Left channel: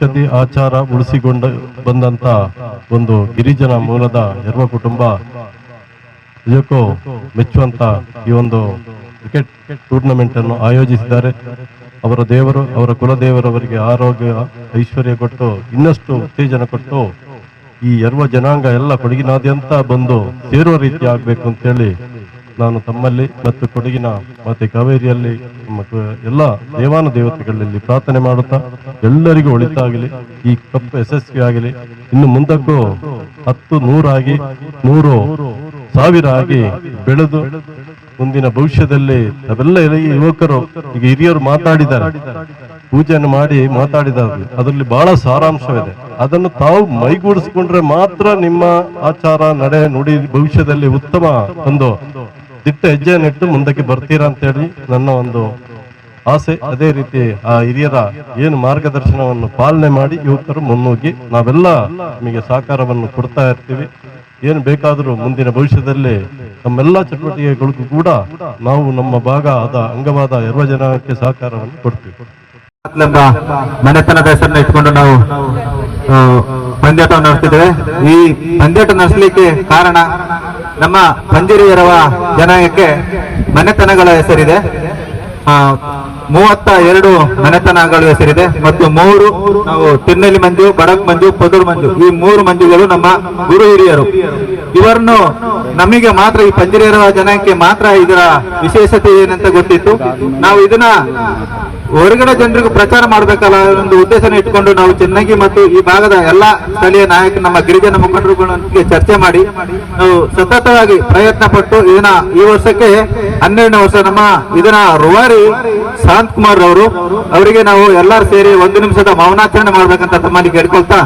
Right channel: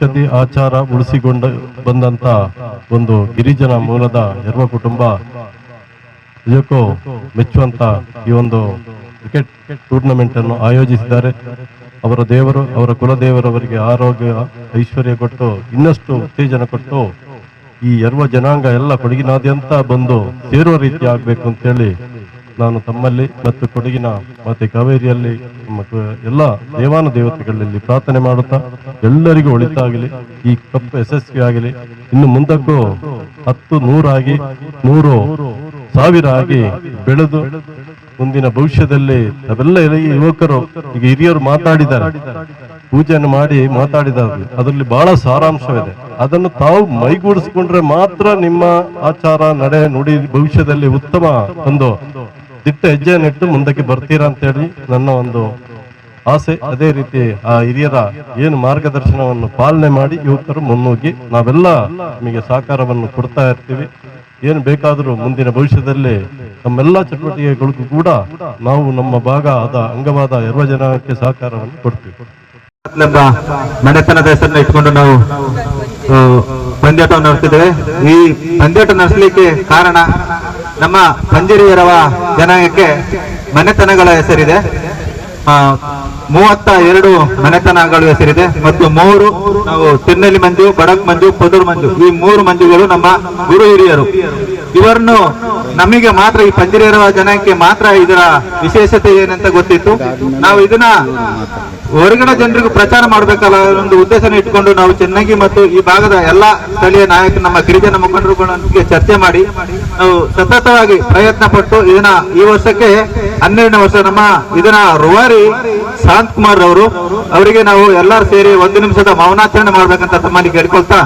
ಸಂಸ್ಕೃತಿ ಆಚಾರ ಉಳಿಸಿಕೊಂಡು ಬಂದಂತ ಒಂದು ಗಿರಿಜನ ಮೂಲದ ಹೆರ್ವ ಕುಟುಂಬ ನಿಜಕ್ಕೂ ಮೆಚ್ಚುವಂತ ಈ ಒಂದು ಕ್ರಿಕೆಟ್ ಟೂರ್ನಮೆಂಟ್ ಅನ್ನು ಆಯೋಜಿಸಿದ್ದಾರೆ. ಅವರ ದೇವರು, ಅವರ ಕುಲದೇವರವರಿಗೆ ಆರೋಗ್ಯ, ಐಶ್ವರ್ಯ ಕೊಟ್ಟು, ಇನ್ನಷ್ಟು ಉತ್ತೇಜನ ಕೊಟ್ಟು, ಈ ಯರ್ವ ಜನಾಂಗ ಎಲ್ಲ ಕೊಡಗಿನಾದ್ಯಂತ ಬಂದು ಸೇರುವ ರೀತಿ ಆಗ್ಬೇಕು ಅಂತೇಳಿ ನಾನು ತಮ್ಮಲ್ಲಿ ಮತ್ತು ಕೊಡಗಿನ ಮತ್ತೆ ಕಾವೇರಿಯಲ್ಲಿ ಎಲ್ಲ ದೇವಾನು ದೇವತೆಗಳಲ್ಲಿ ಪ್ರಾರ್ಥನೆ ಮಾಡುತ್ತಾ ಎಲ್ಲರಿಗೂ ಒಳಿತಾಗಲಿ, ಈ ಕಪ್ ಯಶಸ್ವಿ ಆಗಲಿ ಇನ್ನು ಮುಂದಕ್ಕೂ ಹತ್ತು ನೂರಾಗಿ, ನೂರು ಸಾವಿರ ಆಗಿ ಬೆಳೆದು ಮುಂದಿನ ಭವಿಷ್ಯದಲ್ಲಿ ಅವೆಲ್ಲ ಯುವಕರು, ಈಗ ಹಿರಿಯರು ಮಾತಾಡಿದ್ದಾರೆ. ಪೂಜೆಯನ್ನು ಮಾಡಿ ಮಾತಾಡಿದ್ದಾರೆ. ಅದರಲ್ಲಿ ಬಹಳ ಸಾರಾಂಶವಿದೆ. ಅದನ್ನು ತಾವು ಮೈಗೂಡಿಸಿಕೊಂಡ್ರೆ ಮಾತ್ರ ನಿಮ್ಮ ಆಚಾರ, ನಡೆ, ನುಡಿ ಭವಿಷ್ಯದಲ್ಲಿ ಉತ್ತಮ ಒಂದು ದಿಟ್ಟ ಹೆಜ್ಜೆಯನ್ನಿಟ್ಟು ಮುಂದಕ್ಕೆ ಬರ್ತೀರಾ ಅಂತ ಹೇಳಿ ನನ್ನ ಒಂದು ಆಸೆ. ಅದೇ ರೀತಿ ಆ ಹಿರಿಯರ ಏನು ಮಾರ್ಗದರ್ಶನವನ್ನು ಪಾಲನೆ ಮಾಡಿ ಯುವಕರು ಮುನ್ನುಗ್ಗಿ ನಾವೆಲ್ಲ ನಿಮಗೆ ಸಹಕಾರವನ್ನು ಕೊಡ್ತಾ ಇರ್ತೀವಿ. ಏನು ಬೇಕಾದರೂ ಮುಂದಿನ ಭವಿಷ್ಯದಲ್ಲಿ ನಮ್ಮೆಲ್ಲ ಚಟುವಟಿಕೆಗಳಿಗೂ ಕೂಡ ನಾವು ನಮ್ಮ ಭಾಗ ಆದ ಅಂಗವಾದ ಯರ್ವ ಜನಕ್ಕೆ ಸಹಕಾರವನ್ನು ಕೊಡ್ತೀವಿ. ಮನೆತನದ ಹೆಸರನ್ನ ಇಟ್ಕೊಂಡು ನಾವು ಪಂದ್ಯಾಟ ನಡೆಸ್ತಿದ್ದೇವೆ. ಈ ಪಂದ್ಯಾಟ ನಡೆಸಲಿಕ್ಕೆ ಕಾರಣ ನಮ್ಮ ಪಂಜರಿಯರವ ಜನಾಂಗಕ್ಕೆ ಮನೆತನಗಳ ಹೆಸರಿದೆ. ಮೂವತ್ತ ಎರಡು ಮನೆತನಗಳ ಹೆಸರಿದೆ. ಮತ್ತು ಮೂರು ನಾವು ತಿನ್ನಲಿ ಮಂಜು, ಬಡಕ್ ಮಂಜು, ಪದರು ಮಂಜು. ಈ ಮೂರು ಮಂಜುಗಳು ನಮ್ಮ ಗುರು ಹಿರಿಯರು. ಇವರನ್ನು ನಮಗೆ ಮಾತ್ರ ಈ ಪಂಜಿರಿಯರವ ಜನಕ್ಕೆ ಮಾತ್ರ ಇದರ ವಿಶೇಷತೆ ಏನಂತ ಗೊತ್ತಿತ್ತು. ನಾವು ಇದನ್ನ ಹೊರಗಡೆ ಜನರಿಗೂ ಪ್ರಚಾರ ಮಾಡಬೇಕಲ್ಲ ಒಂದು ಉದ್ದೇಶನ ಇಟ್ಕೊಂಡು ನಾವು ಚೆನ್ನಾಗಿ ಮತ್ತು ಈ ಭಾಗದ ಎಲ್ಲ ಸ್ಥಳೀಯ ನಾಯಕ ನಮ್ಮ ಗಿರಿಜನ ಮುಖಂಡರುಗಳೊಂದಿಗೆ ಚರ್ಚೆ ಮಾಡಿ ನಾವು ಸತತವಾಗಿ ಪ್ರಯತ್ನ ಪಟ್ಟು ಇದನ್ನ ಈ ವರ್ಷಕ್ಕೆ ಹನ್ನೆರಡನೇ ವರ್ಷ ನಮ್ಮ ಇದನ್ನ ರುವಾರಿ ಶಾಂತ್ ಕುಮಾರ್ ಅವರು ಅವರಿಗೆ ನಾವು ಎಲ್ಲರೂ ಸೇರಿ ಒಂದು ನಿಮಿಷದ ಮೌನಾಚರಣೆ ಮಾಡ್ಬೇಕಂತ ತಮ್ಮಲ್ಲಿ ಕೇಳ್ಕೊಳ್ತಾ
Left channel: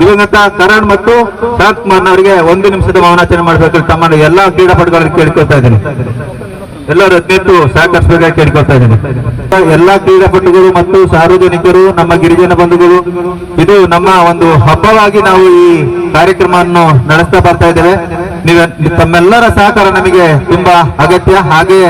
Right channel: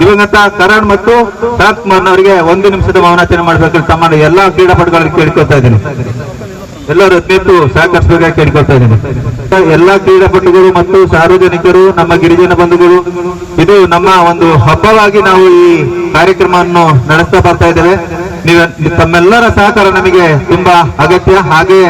ದಿವಂಗತ ಕರಣ್ ಮತ್ತು ಶಾಂತ್ ಕುಮಾರ್ ಅವರಿಗೆ ಒಂದು ನಿಮಿಷದ ಮೌನಾಚರಣೆ ಮಾಡ್ಬೇಕಂತ ತಮ್ಮನ್ನು ಎಲ್ಲಾ ಕ್ರೀಡಾಪಟುಗಳಲ್ಲಿ ಕೇಳ್ಕೊಳ್ತಾ ಇದ್ದೀನಿ. ಎಲ್ಲರೂ ಅತ್ಯಂತ ಸಹಕರಿಸಬೇಕಾಗಿ ಕೇಳ್ಕೊಳ್ತಾ ಇದ್ದೀನಿ. ಎಲ್ಲಾ ಕ್ರೀಡಾಪಟುಗಳು ಮತ್ತು ಸಾರ್ವಜನಿಕರು, ನಮ್ಮ ಗಿರಿಜನ ಬಂಧುಗಳು, ಇದು ನಮ್ಮ ಒಂದು ಹಬ್ಬವಾಗಿ ನಾವು ಈ ಕಾರ್ಯಕ್ರಮವನ್ನು ನಡೆಸ್ತಾ ಬರ್ತಾ ಇದ್ದೇವೆ. ನೀವು ತಮ್ಮೆಲ್ಲರ ಸಹಕಾರ ನಮಗೆ ತುಂಬಾ ಅಗತ್ಯ. ಹಾಗೆ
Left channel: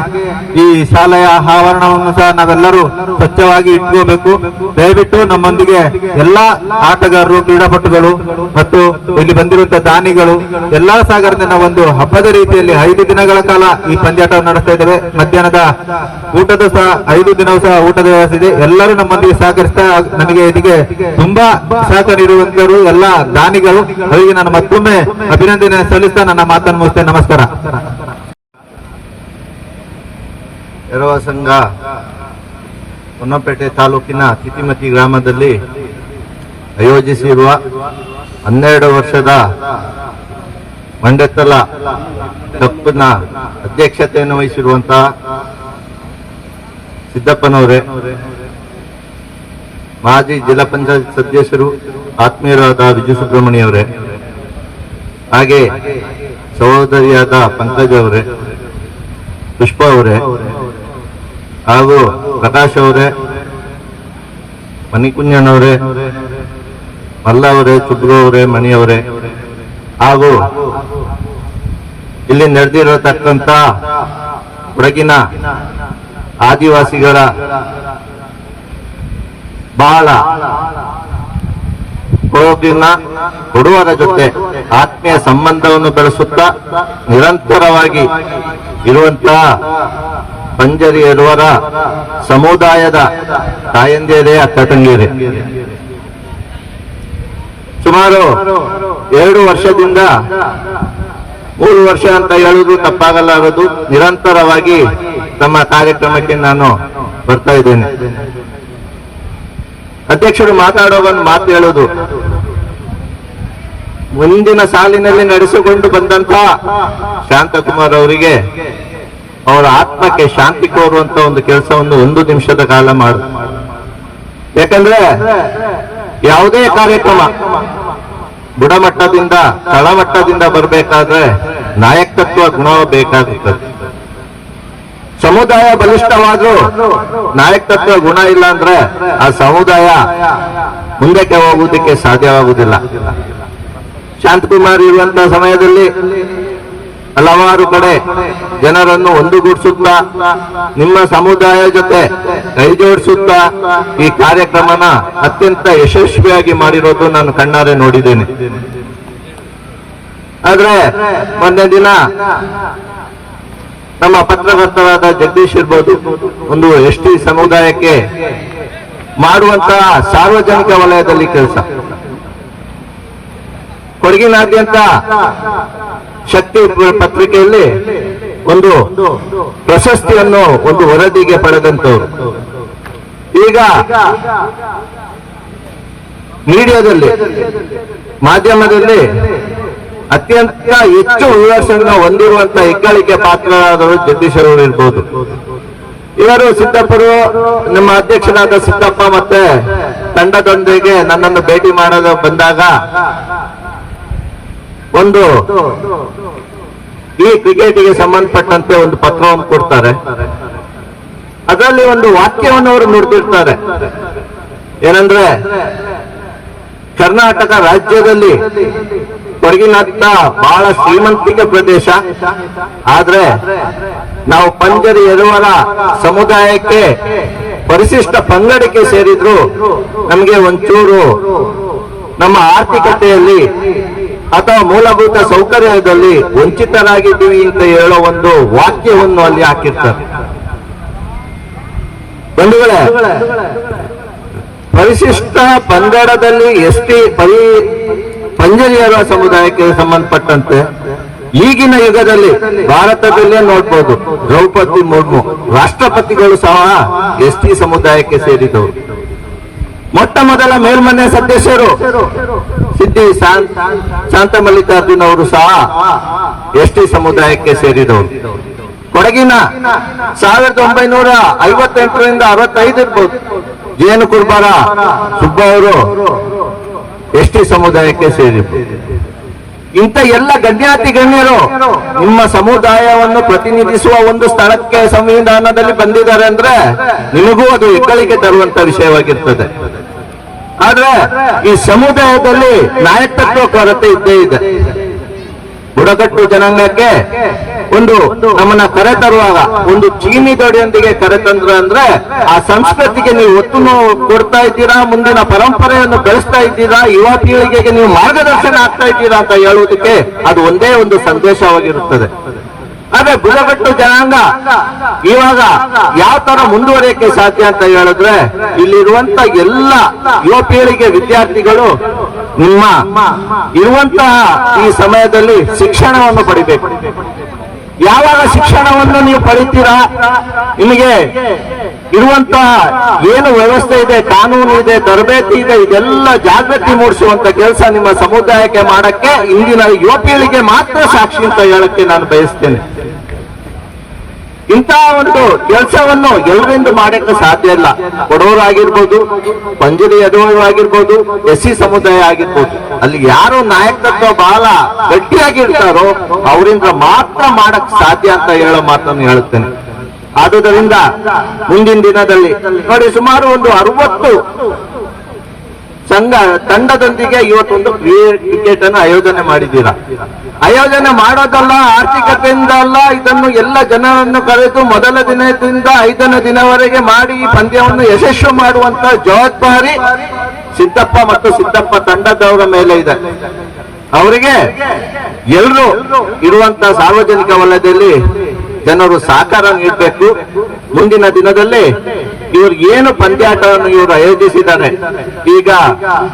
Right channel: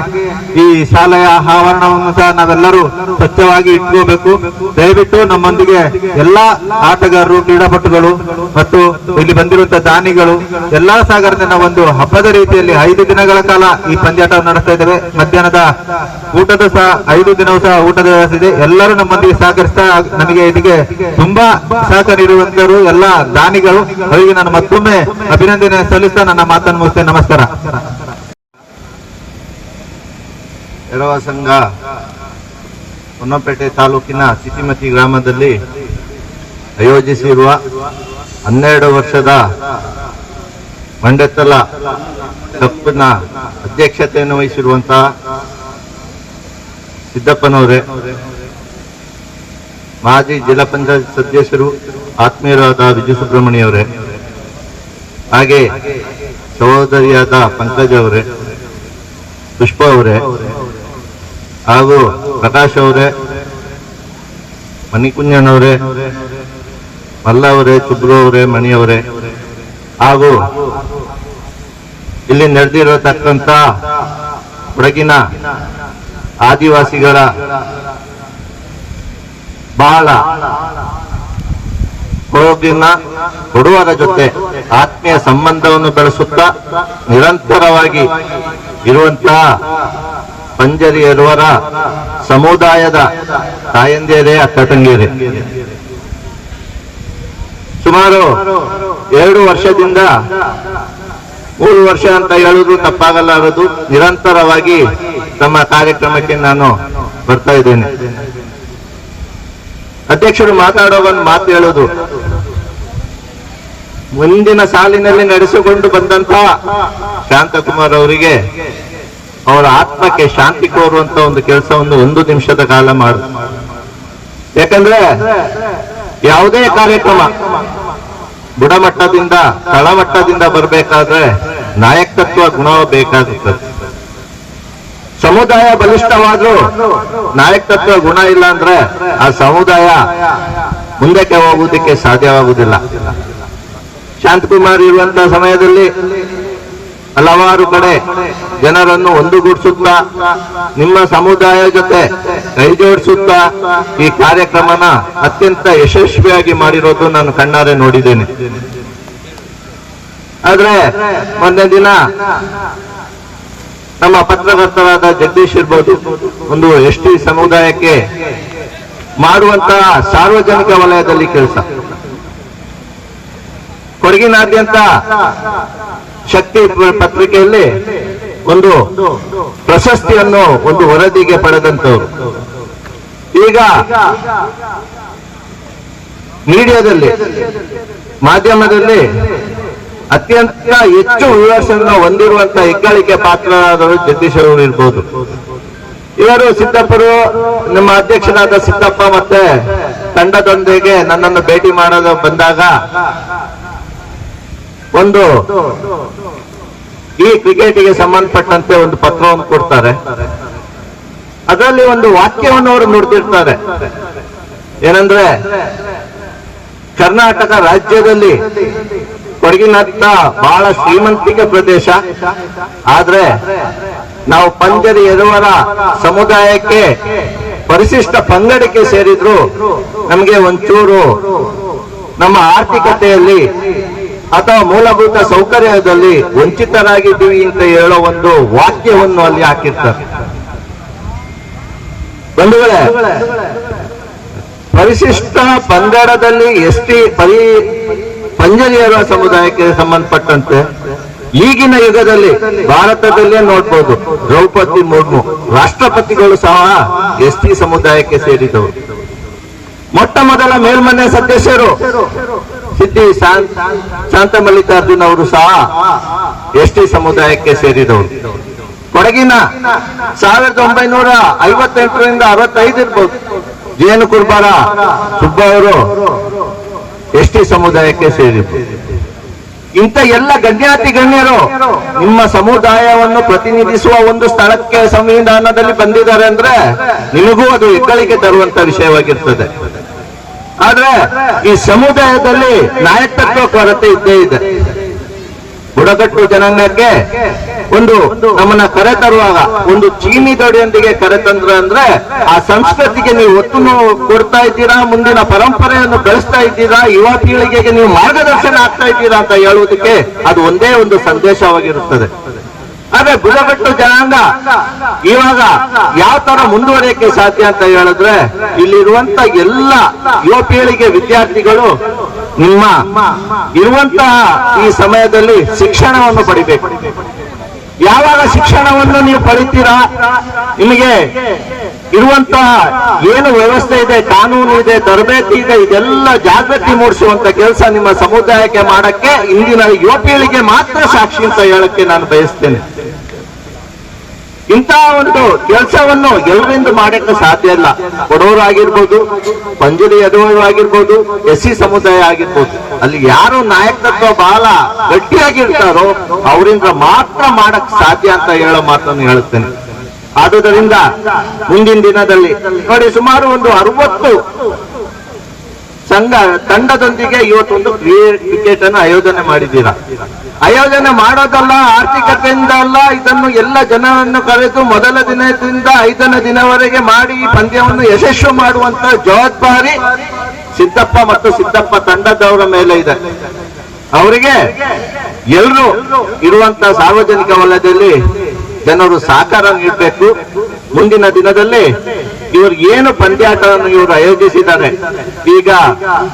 ಈ ಶಾಲೆಯ ಆವರಣವನ್ನು ಸಹ ನಾವೆಲ್ಲರೂ ಸ್ವಚ್ಛವಾಗಿ ಇಟ್ಕೋಬೇಕು. ದಯವಿಟ್ಟು ನಮ್ಮೊಂದಿಗೆ ಎಲ್ಲಾ ಆಟಗಾರರು, ಕ್ರೀಡಾಪಟುಗಳು ಮತ್ತು ಇಲ್ಲಿ ಬಂದಿರುವಂತಹ ದಾನಿಗಳು, ಎಲ್ಲಾ ಸಾಗರದಿಂದ ಒಂದು ಹಬ್ಬದ ರೀತಿಯಲ್ಲಿ ಐದು ದಿನಗಳ ಕಾಲ ಈ ಪಂದ್ಯಾಟವನ್ನು ನಡೆಸ್ತಾ ಇದ್ದೇವೆ. ಮಧ್ಯಾಹ್ನದ ಊಟದ ಸಹ ಐದು ದಿನವೂ ಸಹ ಊಟದ ವ್ಯವಸ್ಥೆ ಇದೆ. ಎಲ್ಲರೂ ನಮ್ಮೊಂದಿಗೆ ಸಹಕರಿಸ್ತಾ ನಮಗೆ ಇದಕ್ಕೆ ತುಂಬಾ ಸಹಕಾರ ಇರುವಂತರು ಎಲ್ಲ ದಾನಿಗಳು. ಅವರಿಗೆ ನಾನು ಮತ್ತೊಮ್ಮೆ ಅಭಿನಂದನೆ ಸಲ್ಲಿಸ್ತಾ ನನ್ನ ಮಾತನ್ನು ಮುಗಿಸ್ತೇನೆ. ನಮಸ್ಕಾರ. ಎರವ ಸಂಘ ಹೊನ್ನಪೇಟೆ ತಾಲೂಕಿನ ತಿತಿಮತಿ ಗ್ರಾಮದಲ್ಲಿ ಆಯೋಜಿಸಿರುವ ಹನ್ನೆರಡು ವರ್ಷದ ಮಂಡೆತ್ತಲ ಕಪ್ಪಿನ ಅಧ್ಯಕ್ಷತೆಯನ್ನು ವಹಿಸಿರುವಂತಹ ಸಿದ್ದಪ್ಪನವರೇ, ಮಾಜಿ ಜಿಲ್ಲಾ ಪಂಚಾಯತ್ ಸದಸ್ಯರು, ಆತ್ಮೀಯರಾದ ವಿಜಯ ಸುಬ್ರಹ್ಮಣ್ಯ ಅವರೇ ಹಾಗೆ ಸಹೋದರಿಯಾದ ಪಂಕಜ್ ಅವರೇ, ಪುಷ್ಪ ಅವರೇ ಹಾಗೂ ಪ್ರಕಾಶ್ ಅವರೇ ಮಣಿಕುಂಜನವರೇ ಮಲ್ಲ ಅವರೇ ಚುಬ್ರು ಅವರೇ ಹಾಗೂ ಇಲ್ಲಿ ನಡೆದಿರತಕ್ಕಂಥ ಕೊಡಗಿನ ಆದಿವಾಸಿಗಳ ಬಹಳ ಕೊಡಗಿನ ಕೊಡುವರ ಜೊತೆ ಆತ್ಮೀಯ ಸಂಬಂಧವನ್ನು ಬೆಳೆಸುತ್ತಾ ನಿರಂತರವಾಗಿ ಇರುವಂತಹ ಪಂಜರಿಯರವರ ಸಮುದಾಯದ ತಾಯಂದಿಯರೇ ಅಕ್ಕ ತಂಗಿಯರೇ. ಸುಮಾರು ಎರಡು ವರ್ಷದಿಂದ ಮೂರು ವರ್ಷ ಅಂತ ಹೇಳುವುದು ತಪ್ಪಾಗಲಾರದು ನಿರಂತರವಾಗಿ ತಮ್ಮ ಕಾರ್ಯಕ್ರಮಕ್ಕೆ ನಾನು ಬರ್ತಾ ಇದ್ದೇನೆ. ಅಧ್ಯಕ್ಷರು ಮಾತಾಡೋ ಒಂದು ಮಾತು ಹೇಳೋದು ಮುಂದಿನ ಸಾಲಿನಲ್ಲಿ ನಡೆಸಿಕೊಂಡು ಬಂದಂತ ಶಾಂತಕುಮಾರ್ ಅವರಿಗೆ ಅವರ ಆತ್ಮಕ್ಕೆ ಶಾಂತಿ ಕೋರುವಂತ ಒಂದು ಕೆಲಸವನ್ನು ಒಂದು ನಿಮಿಷದ ಕಾಲ ಮಾಡು. ಯಾಕಂದ್ರೆ ಯಾವುದೇ ಕಾರ್ಯಕ್ರಮ ಬುಡಮಟ್ಟದಿಂದ ತಳಮಟ್ಟದಿಂದ ಬರಬೇಕಾದ್ರೆ ನಾಯಕತ್ವ, ಗುಣ ಬೇಕಾಗುತ್ತದೆ ಸಮುದಾಯ ಬಲಿಷ್ಠವಾದ್ರೂ ನಾಯಕತ್ವ, ಗುಣ ಇಲ್ಲ ಅಂದ್ರೆ ಆ ಸಮುದಾಯ ಮುಂದಕ್ಕೆ ಹೋಗುವುದಕ್ಕೆ ಸಾಧ್ಯವಾಗುವುದಿಲ್ಲ. ಶಾಂತಕುಮಾರ್ ಇರುವಂತಹ ಸಮಯದಲ್ಲಿ ಹಲವಾರು ಕಡೆ ಜನರನ್ನು ಒಂದುಗೂಡಿಸುತ್ತಾ, ನಿಮ್ಮ ಸಮುದಾಯ ಜೊತೆ ಕೈಜೋಡಿಸುತ್ತಾ ಈ ಕಾರ್ಯಕ್ರಮನ ಅತ್ಯಂತ ಯಶಸ್ವಿಯಾಗಿ ಮಾಡಿರೋದು ನಾನು ಕಣ್ಣಾರೆ ನೋಡಿದ್ದೇನೆ. ಆದ್ರೆ ಮೊನ್ನೆ ದಿನ ನಮ್ಮ ಪತ್ರಕರ್ತರಾದ ಜಗದೀಶ್ ಇರ್ಬೋದು, ಒಂದು ಎಸ್ ಟಿ ಸಮುದಾಯಕ್ಕೆ ಮಾಡುವಂತಹ ಸಾರ್ವಜನಿಕ ವಲಯದಲ್ಲಿ ಕೆಲಸ. ಕೊಡಗಿನಾದ್ಯಂತ ಶಕ್ತಿ ಪತ್ರಿಕೆಯಲ್ಲಿ ಒಂದು ಪ್ರಶಸ್ತಿಯನ್ನು ಒಂದು ವರದಿಗೆ ಪಡೆದಂತವರು ಈಗ ಮೀಡಿಯಾದಲ್ಲಿ, ಮಾಧ್ಯಮದಲ್ಲಿ ಅತ್ಯಂತ ಹೆಚ್ಚು ವಿವರ್ಸನ್ನ ಹೊಂದಿರುವಂತಹ ಹೆಗ್ಗಳಿಕೆ ಪಾತ್ರರಾದರು ಜಗದೀಶ್ ಅವರು ಇರ್ಬೋದು. ಇವರು ಸಿದ್ದಪ್ಪರು, ನಮ್ಮ ಅಧ್ಯಕ್ಷನಾದ ಸಿದ್ದಪ್ಪ ಮತ್ತೆ ತಂಡದೊಂದಿಗೆ ನನ್ನನ್ನು ಭೇಟಿ ಮಾಡಲು ಬಂದಾಗ ಒಂದು, ಈ ಕ್ರಿಕೆಟ್ಗೆ ಸಂಬಂಧಪಟ್ಟಂತೆ ಒಂದು ಪತ್ರವನ್ನು ಕೊಡ್ತಾರೆ. ಅದರಲ್ಲಿ ಒಂದು ವಾಕ್ಯವನ್ನು ಅವರು ನೋಡ್ತಿರ್ತಾರೆ ಏನಂದ್ರೆ, ಕರ್ನಾಟಕ ರಾಜ್ಯದಲ್ಲಿ ಕೊಡಗಿನತ್ತ ಬಹಳ ಶ್ರೀಮಂತಿಕ ಪ್ರದೇಶ. ಆದ್ರೆ, ನಾವು ಪಂಜರಿ ಎದುವರ ಸಮುದಾಯಕ್ಕೆ ಪರಿಶಿಷ್ಟ ಪಂಗಡಕ್ಕೆ ಸೇರಿದ್ರು ನಮಗೆ ಒಂಚೂರು ನಮ್ಮ ಆರ್ಥಿಕತೆಯಲ್ಲಿ ಅಥವಾ ಮೂಲಭೂತ ಸೌಕರ್ಯದಲ್ಲಿ ವಂಚಿತರಾಗಿದ್ದೀವಿ ಅಂತ ಹೇಳೋ ಒಂದು ವಾಕ್ಯವನ್ನು ಅಲ್ಲಿ ಹಾಕಿರ್ತಾರೆ. ಬಂಧುಗಳೇ, ಪರಿಶಿಷ್ಟ ಪಂಗಡದಲ್ಲಿ ಎಸ್ ಟಿ ಪರಿ ಪಂಜರಿಯರ ಸಮುದಾಯಕ್ಕೆ ಸಂಬಂಧಪಟ್ಟಂತೆ ಈಗಿನ ಯುಗದಲ್ಲಿ ಭಾರತದಲ್ಲೇ ನೋಡ್ಬೋದು, ದ್ರೌಪದಿ ಮುರ್ಮು, ರಾಷ್ಟ್ರಪತಿಗಳು ಸಹ ಎಸ್ ಟಿ ಸಮುದಾಯಕ್ಕೆ ಸೇರಿದವರು. ಮೊಟ್ಟ ಮೊದಲ ಮೇಲ್ಮನೆ ಸದಸ್ಯರು ಸಿದ್ದಿ ಶಾಂತ್ ಶಾಂತ ಮಲ್ಲಿಕಾರ್ಜುನ್ ಅವರು ಸಹ ಎಸ್ ಟಿ ಸಮುದಾಯಕ್ಕೆ ಸೇರಿದವರು. ಕೊಡಗಿನ ಸಾವಿರದ ಒಂಬೈನೂರ ಐವತ್ತೆಂಟರಿಂದ ಅರವತ್ತೈದು ಇರ್ಬೋದು. ಜೇನು ಕುರ್ಬಾರ ಸುಬ್ಬ ಅವರು ಎಸ್ ಟಿ ಸಮುದಾಯಕ್ಕೆ ಸೇರಿದ್ರು. ಇಂಥ ಎಲ್ಲ ಗಣ್ಯಾತಿ ಗಣ್ಯರು ನಿಮ್ಮ ಸಮುದಾಯವನ್ನು ಪ್ರತಿನಿಧಿಸುವ ಒಂದು ಸ್ಥಳಕ್ಕೆ ಸಂವಿಧಾನದಲ್ಲಿ ಬಂದಿದ್ದಾರೆ ಅಂದ್ರೆ ನಿಮಗೂ ಅದು ಹೆಗ್ಗಳಿಕೆ ತರುವಂತ ವಿಷಯವಾಗಿರ್ತದೆ. ಆದ್ರೆ ಈ ಸಮುದಾಯದಲ್ಲಿ ನಾಯಕತ್ವ ಕೊರತೆ ಇದ್ದೇ ಇದೆ. ಬುಡಕಟ್ಟು ಜನಾಂಗಕ್ಕೆ ಒಂದು ನಮ್ಮನ್ನ ಕರೆ ತರುವಾಗ ಒಂದು ಚೀನಿ ದೊಡೆಯೊಂದಿಗೆ ಕರೆತಂದ್ರ ಅಂದ್ರೆ ಆ ಸಂಸ್ಕೃತಿಗೆ ನೀವು ಒತ್ತು ಕೊಡ್ತಾ ಇದ್ದೀರಾ, ಮುಂದಿನ ಪರಂಪರೆಯನ್ನು ಬೆಳೆಸ್ತಾ ಇದ್ದೀರಾ, ಯುವ ಪೀಳಿಗೆಗೆ ನೀವು ಮಾರ್ಗದರ್ಶನ ಆಗ್ತಾ ಇದ್ದೀರಾ ಅಂತ ಹೇಳುವುದಕ್ಕೆ ಅದು ಒಂದೇ ಒಂದು ಸಂದೇಶವಾಗಿರುತ್ತದೆ. ಆದ್ರೆ ಬುಡಕಟ್ಟು ಜನಾಂಗ. ಇವಾಗ ಯಾವ ತರ ಮುಂದುವರಿಯಕ್ಕೆ ಸಾಧ್ಯ ಅಂತ ಹೇಳಿದ್ರೆ ಇಲ್ಲಿರುವಂತ ಎಲ್ಲ ಯುವ ಪೀಳಿಗೆ ವಿದ್ಯಾರ್ಥಿಗಳು ನಿಮ್ಮ ಇರುವಂತಹ ಈ ಸಮಯದಲ್ಲಿ ಶಿಕ್ಷಣವನ್ನು ಪಡಿಬೇಕು. ಯಾವಾಗ ಶಿಕ್ಷಣವನ್ನು ನೀವು ಪಡಿತೀರಾ? ನಿಮಗೆ ಇರುವಂತಹ ಏನು ವ್ಯವಸ್ಥೆ ಇದೆ, ಕಾನೂನು ಇದೆ, ತರಬೇತಿ ಇದೆ, ಇದೆಲ್ಲ ಜಾಗೃತಿ ಮೂಡಿಸುವಂತ ಕೆಲಸ ನಿಮ್ಮ ಸಮುದಾಯಕ್ಕೆ ಮಾಡಕ್ಕೆ, ಇಂದಿನ ಯುವ ಪೀಳಿಗೆ ಮಾತ್ರ ಸಾಕ್ಷಿ ಅಂತ ಹೇಳಕ್ಕೆ ನಾನು ಬಯಸ್ತೇನೆ. ಇಂತಹ ಒಂದು ಕೆಲಸವನ್ನು ಎಲ್ಲರಿಂದ ಮಾಡಕ್ಕೆ ಸಾಧ್ಯ ಇಲ್ಲ. ಕೊಡೋರಾಗಿರ್ಬೋದು ಪಂಜರಿ ಆಗಿರ್ಬೋದು ಎಸ್ ಸಿ ಸಮುದಾಯ ಆಗಿರ್ಬೋದು, ಅಲ್ಲಿ ಯಾರು ನಾಯಕತ್ವ ಬಹಳ ಗಟ್ಟಿಯಾಗಿರ್ತಾರೋ, ಅವರಿಂದ ಮಾತ್ರ ಮಾಡಕ್ ಸಾಧ್ಯ ಅಂತ ಹೇಳೋ ಮಾತನ್ನು ಹೇಳುತ್ತೇನೆ. ಆದುದರಿಂದ ಮುಂದಿನ ದಿನದಲ್ಲಿ ನೋಡಿ ಸುಮಾರು ಒಂದು ಅರವತ್ತು ಸಂಘ ತಂಡದೊಂದಿಗೆ ಇವತ್ತೊಂದು ಕ್ರಿಕೆಟ್ ಅನ್ನು ಆಯೋಜನೆ ಮಾಡಿದ್ದೀರಾ? ಆಯೋಜನೆ ಮಾಡೋದಲ್ಲ, ಆರ್ಥಿಕತೆಯಿಂದ ಅಲ್ಲ, ಇದನ್ನು ಎಲ್ಲ ಜನರನ್ನು ಕರೆದು ಮೊದಲ ದಿನದಿಂದ ಐದನೇ ದಿನವರೆಗೆ ಮಾಡಿ ಪಂದ್ಯವನ್ನು ಯಶಸ್ವಿ ಮಾಡುವಂತ ಜವಾಬ್ದಾರಿ ಸಿದ್ದಪ್ಪ ಮತ್ತು ಸಿದ್ದಪ್ಪ ತಂಡದವರ ಮೇಲೆ ಇದೆ. ಅವರಿಗೆ ಎಲ್ಲರೂ ಇರುವಂತ ಸಾರ್ವಜನಿಕ ವಲಯದಲ್ಲಿ ಜನರು ಸಹಕಾರ ನೀಡಬೇಕು ಮುಂದಿನ ದಿನದಲ್ಲಿ ಇವರು ಏನು ಪಂದ್ಯಾಟವನ್ನು ಇವರು ಆಯೋಜಿಸಿದ್ದಾರೆ. ಈಗ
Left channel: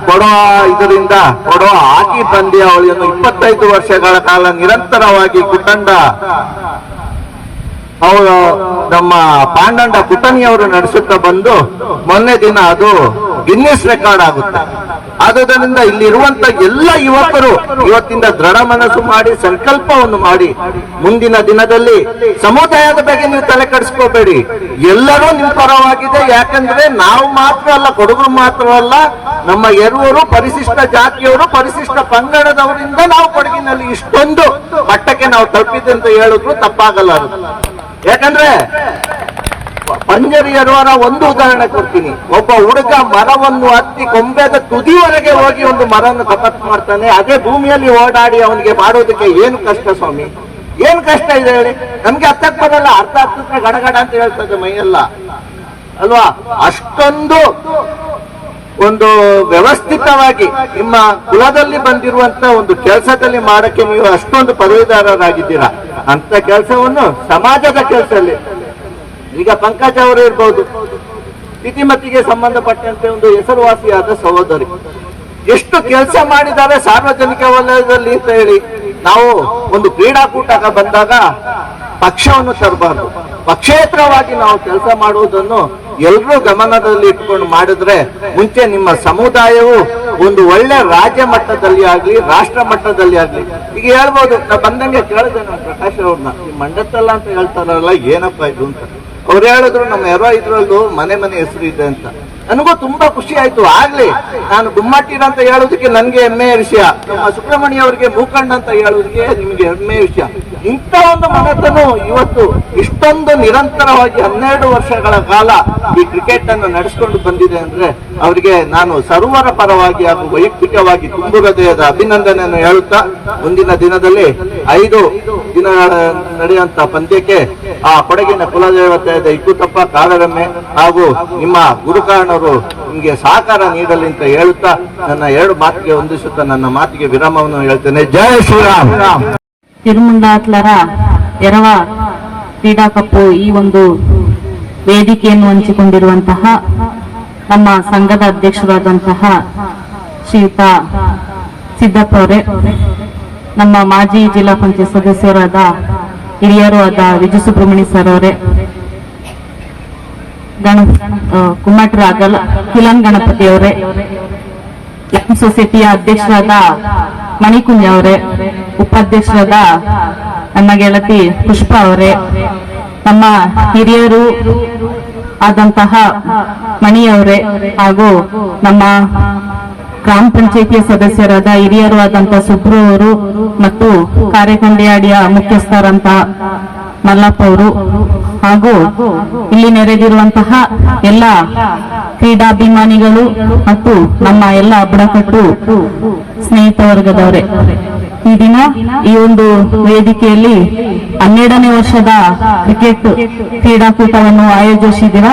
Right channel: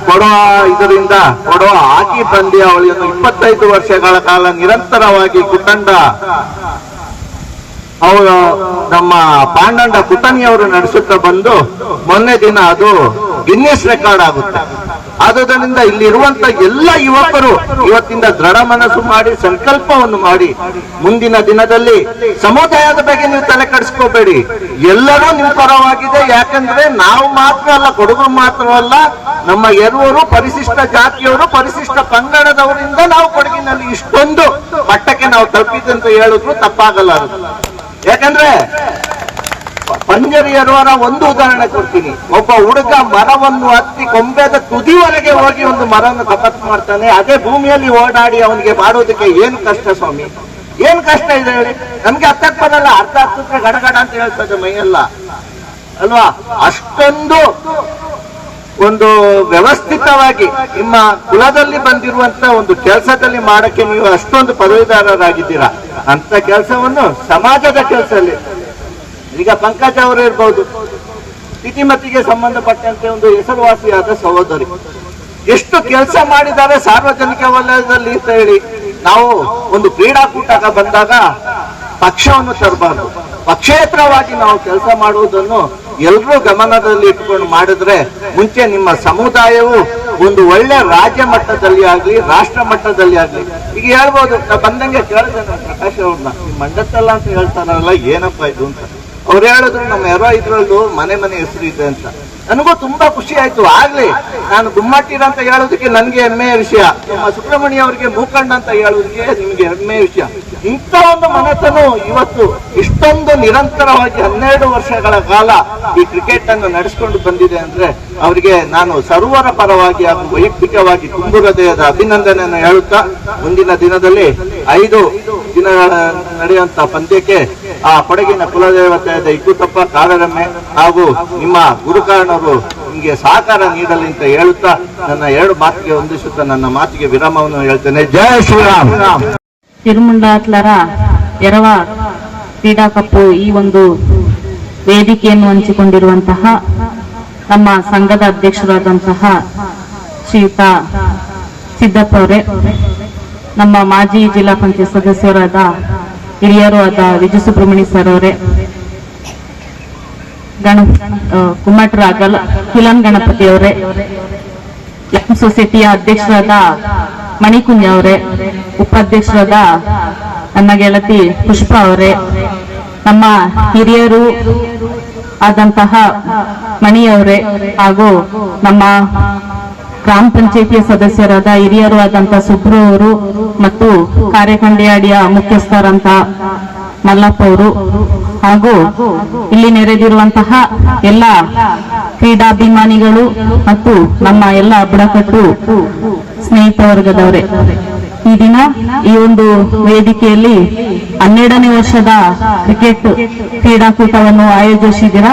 ಕೊಡೋ ಇದರಿಂದ ಕೊಡೋ ಹಾಕಿ ಪಂದ್ಯಾವಳಿಯನ್ನು ಇಪ್ಪತ್ತೈದು ವರ್ಷಗಳ ಕಾಲ ನಿರಂತರವಾಗಿ ಕುಟಂಡ ಅವರ ನಮ್ಮ ಪಾಂಡಂಡ ಪುಟನಿಯವರು ನಡೆಸುತ್ತಾ ಬಂದು ಮೊನ್ನೆ ದಿನ ಅದು ಗಿನ್ನಿಸ್ ರೆಕಾರ್ಡ್ ಆಗುತ್ತೆ. ಆದುದರಿಂದ ಇಲ್ಲಿರುವಂತ ಎಲ್ಲ ಯುವಕರು ಇವತ್ತಿಂದ ದೃಢ ಮನಸ್ಸು ಮಾಡಿ, ಸಂಕಲ್ಪವನ್ನು ಮಾಡಿ, ಮುಂದಿನ ದಿನದಲ್ಲಿ ಸಮುದಾಯದ ಬಗ್ಗೆ ನೀವು ತಲೆ ಕೆಡಿಸ್ಕೋಬೇಡಿ ಎಲ್ಲರೂ ನಿಮ್ ಪರವಾಗಿದೆ ಯಾಕಂದ್ರೆ ನಾವು ಮಾತ್ರ ಅಲ್ಲ, ಕೊಡಗು ಮಾತ್ರ ಅಲ್ಲ, ನಮ್ಮ ಎರುವರು ಪರಿಶಿಷ್ಟ ಜಾತಿಯವರು, ಪರಿಶಿಷ್ಟ ಪಂಗಡದವರಿಂದ ನಾವು ಕೊಡಗಿನಲ್ಲಿ ಇಷ್ಟೊಂದು ಮಟ್ಟಕ್ಕೆ ನಾವು ತಲುಪಿದೆ ಅಂತ ಹೇಳಿದ್ರು ತಪ್ಪಾಗಲ್ಲ. ಯಾಕಂದ್ರೆ ಪಂಜರಿಯರವರ ಒಂದು ಉದಾಹರಣೆ ಕೊಡ್ತೀನಿ. ಒಬ್ಬ ಹುಡುಗ ಮರವನ್ನು ಹತ್ತಿ ಕೊಂಬೆದ ತುದಿವರೆಗೆ ಹೋಗಿ ಒಂದು ಮರವನ್ನು ಕಪತ್ ಮಾಡ್ತಾನೆ. ಅದೇ ಭೂಮಿಯಲ್ಲಿ ಓಡಾಡಿ ಅವನಿಗೆ ಮಾಡೋದಕ್ಕೆ ಏನು ಕಷ್ಟ ಸ್ವಾಮಿ? ಏನ್ ಕಷ್ಟ ಇದೆ ಹೇಳಿ? ನಮ್ಗೆ ಅರ್ಥಕ್ಕೆ ಬರಲ್ಲ ಅರ್ಥ ಆಗ್ತಿದ್ರೆ ಗಡಗಡ ಅಂತ ಹೇಳ್ತದೆ ಮೈಯೆಲ್ಲ. ಅಲ್ವಾ? ಅಷ್ಟೊಂದು ಒಂದು ವ್ಯವಸ್ಥಿತವಾಗಿ ನಿಮ್ಮ ಕುಲದಲ್ಲಿ ಬಂದಿರುವಂತ ಒಂದು ಕೆಲಸದಲ್ಲಿ ಮಾಡಕ್ಕೆ ನೀವು ಅಷ್ಟೊಂದು ಪದವೀಧರರಾಗಿದ್ದೀರಾ? ಅಂತ ಕೆಲಸವನ್ನು ಸಮಾಜದ ಕೆಲಸದಲ್ಲಿ ಈಗ ಪಂಕಜ್ ಅವರು ಇರ್ಬೋದು ಸ್ಥಿತಿಮತಿಗೆ ಸಂಬಂಧಪಟ್ಟಂತೆ ಒಂದು ಹೆಸರುವಾಸಿಯಾದ ಸಹೋದರಿ. ಎಷ್ಟು ಕೆಲಸ ಮಾಡಿದ್ದಾರೆ ಸಾರ್ವಜನಿಕ ವಲಯದಲ್ಲಿ ಅಂತ ಹೇಳಿ, ನಾವು ಒಂದು ಕ್ರೀಡಾಕೂಟ ಬಂದಾಗ ಪಕ್ಷವನ್ನು ತರಬಾರ್ದು. ಪಕ್ಷೇತರವಾಗಿ ನಾವು ಕೆಲಸ ಮಾಡುವುದನ್ನು ಎಲ್ಲರೂ ಗಮನದಲ್ಲಿ ಇಟ್ಕೊಂಡು ಮಾಡಿದ್ರೆ ಮುಂಚೆ ನಿಮ್ಮ ಸಮುದಾಯವು ಒಂದು ಒಳ್ಳೆ ರಾಜ್ಯ ಮಟ್ಟದಲ್ಲಿ ಆಗ್ಲಿ, ರಾಷ್ಟ್ರ ಮಟ್ಟದಲ್ಲಿ ಆಗ್ಲಿ. ಈಗ ಹೇಳ್ಬೋದು ಬಂದಂಗೆ ಕೇಳಿದೆ ನಾನು ಪ್ರಕಾಶ್ ಅವ್ರನ್ನ. ಈ ಮಂಡತ್ತಲ್ಲ ಅಂತ ಹೇಳ್ತಾರಲ್ಲ, ಏನಪ್ಪ ಇದು ಅಂತ. ಅವ್ರು ಹೇಳಿದ್ರು ನಮ್ಮ ಯಾರೋ ಇದ್ರಲ್ಲೂ ಮನೆ ಮನೆ ಹೆಸರು ಇದೆ ಅಂತ. ನನಗೂ ತುಂಬಾ ಖುಷಿ ಆಯ್ತು. ಆಗ್ಲಿ, ನಾನು ಗುಮ್ಮಟ್ಟಿನ ಅಂತ ಹೇಳೋದಕ್ಕೆ ನನ್ಗೆ ಹೆಮ್ಮೆಯ ವಿಷಯ. ಸುಬ್ರಹ್ಮಣ್ಯ ಅವರಿಗೆ ಮೂಕಂಡ ಅಂತ ಹೇಳೋದಕ್ಕೆ ನಿಮ್ಗೆ ಹೆಮ್ಮೆಯ ವಿಷಯ. ಇಂಥ ಒಂದು ಮನೆತನ ಇವತ್ತು ಇಷ್ಟೊಂದು ನಿರಂತರವಾಗಿ ಹನ್ನೆರಡು ವರ್ಷಗಳ ಕಾಲ ಈ ಕ್ರಿಕೆಟ್ ಅನ್ನು ನಡೆಸಿಕೊಂಡು ಬಂದಿದೆ ಅಂದ್ರೆ ಅವರಿಗೆ ನಾನು ಸರ್ವರ ಪರವಾಗಿ ಹಾಗೂ ವೈಯಕ್ತಿಕವಾಗಿ ತುಂಬು ಹೃದಯದ ಅಭಿನಂದನೆಯನ್ನು ಹೇಳುತ್ತಾ, ಮುಂದಿನ ದಿನದಲ್ಲಿ ಐದು ದಿನಗಳ ನಡೆಯುವಂತ ಪಂದ್ಯಕ್ಕೆ ಆ ಕೊಡಗಿನ ಕುಲದೇವತೆ ಇಕ್ಕುತ್ತಪ್ಪ ಕಾರಗಮ್ಮೆ ಹಾಗೂ ನಿಮ್ಮ ಗುರುಕಾರಣರು ನಿಮಗೆ ಸಹಕಾರ ನೀಡಲಿ ಅಂತ ಹೇಳುತ್ತಾ ನನ್ನ ಎರಡು ಮಾತಿಗೆ ಹೊಂದಿಸುತ್ತಾ ನನ್ನ ಮಾತಿಗೆ ವಿರಾಮವನ್ನು ಹೇಳ್ತೇನೆ. ಜಯ ಶ್ರೀರಾಮ್. ತಿರುಮಲಾತ್ಲರ ಎರವ ಕ್ರೀಡಾ ಕಪ್ಪು ಈ ಒಂದು ವೇದಿಕೆಯನ್ನು ಹಂಚಿಕೊಂಡಿರುವಂತಹ ನಮ್ಮ ಸಂಘದ ಅಧ್ಯಕ್ಷರಾದಂತಹ ಶ್ರೀಯುತ ಸಿದ್ದಪ್ಪ ಅವರೇ. ನಮ್ಮ ಮಾಜಿ ಜಿಲ್ಲಾ ಪಂಚಾಯತ್ ಸದಸ್ಯರಾದ ಹಿರಿಯರು ಆದ ವಿಜಯ ಸುಬ್ರಹ್ಮಣ್ಯ ಸರ್ ಅವರೇ, ಗಣ ಕುಮ್ಮಟರಾಗಲ್ ಕಿಲನ್ ಗಣಪತಿ ಅವರೇ ಎಂ ಸೊಸೈಟಿಯ ಅಧ್ಯಕ್ಷರಾದ ಮಣಿಕುಂಜ ಅವರೇ, ಉಪಾಧ್ಯಕ್ಷರಾದ ನನ್ನ ಗೆಳತಿ ಪುಷ್ಪ ಅವರೇ, ನಮ್ಮ ಹಿರಿಯರು ಆದಂತಹ ಮಣಿಯವರೇ ಹಾಗೂ ನಮ್ಮ ಗ್ರಾಮ ಪಂಚಾಯಿತಿಯ ಸದಸ್ಯರಾದ ಹಿರಿಯರು ಆದಂತ ಸುಬ್ರು ಅವರು ಮತ್ತು ಕಾರ್ಯಕಂಡಿಯಾಡಿಯ ಮುಖ್ಯಸ್ಥರಂತ ಮಲ್ಲಪ್ಪ ಅವರು. ಹಾಗೂ ಇಲ್ಲಿ ನೆರೆದಿರುವಂತಹ ಎಲ್ಲ ಕ್ರೀಡಾಭಿಮಾನಿಗಳು ಮತ್ತು ನಮ್ಮ ಎಲ್ಲ ಬುಡಕಟ್ಟು ಸ್ನೇಹಿತ ವರ್ಗದವರೇ ಈ ದಿನ ಈ ಒಂದು ವೇದಿಕೆಯಲ್ಲಿ ಹನ್ನೆರಡನೇ ವರ್ಷದ ಕ್ರಿಕೆಟ್ ಕ್ರೀಡಾಕೂಟವನ್ನು ಆಯೋಜಿಸಿದಿರ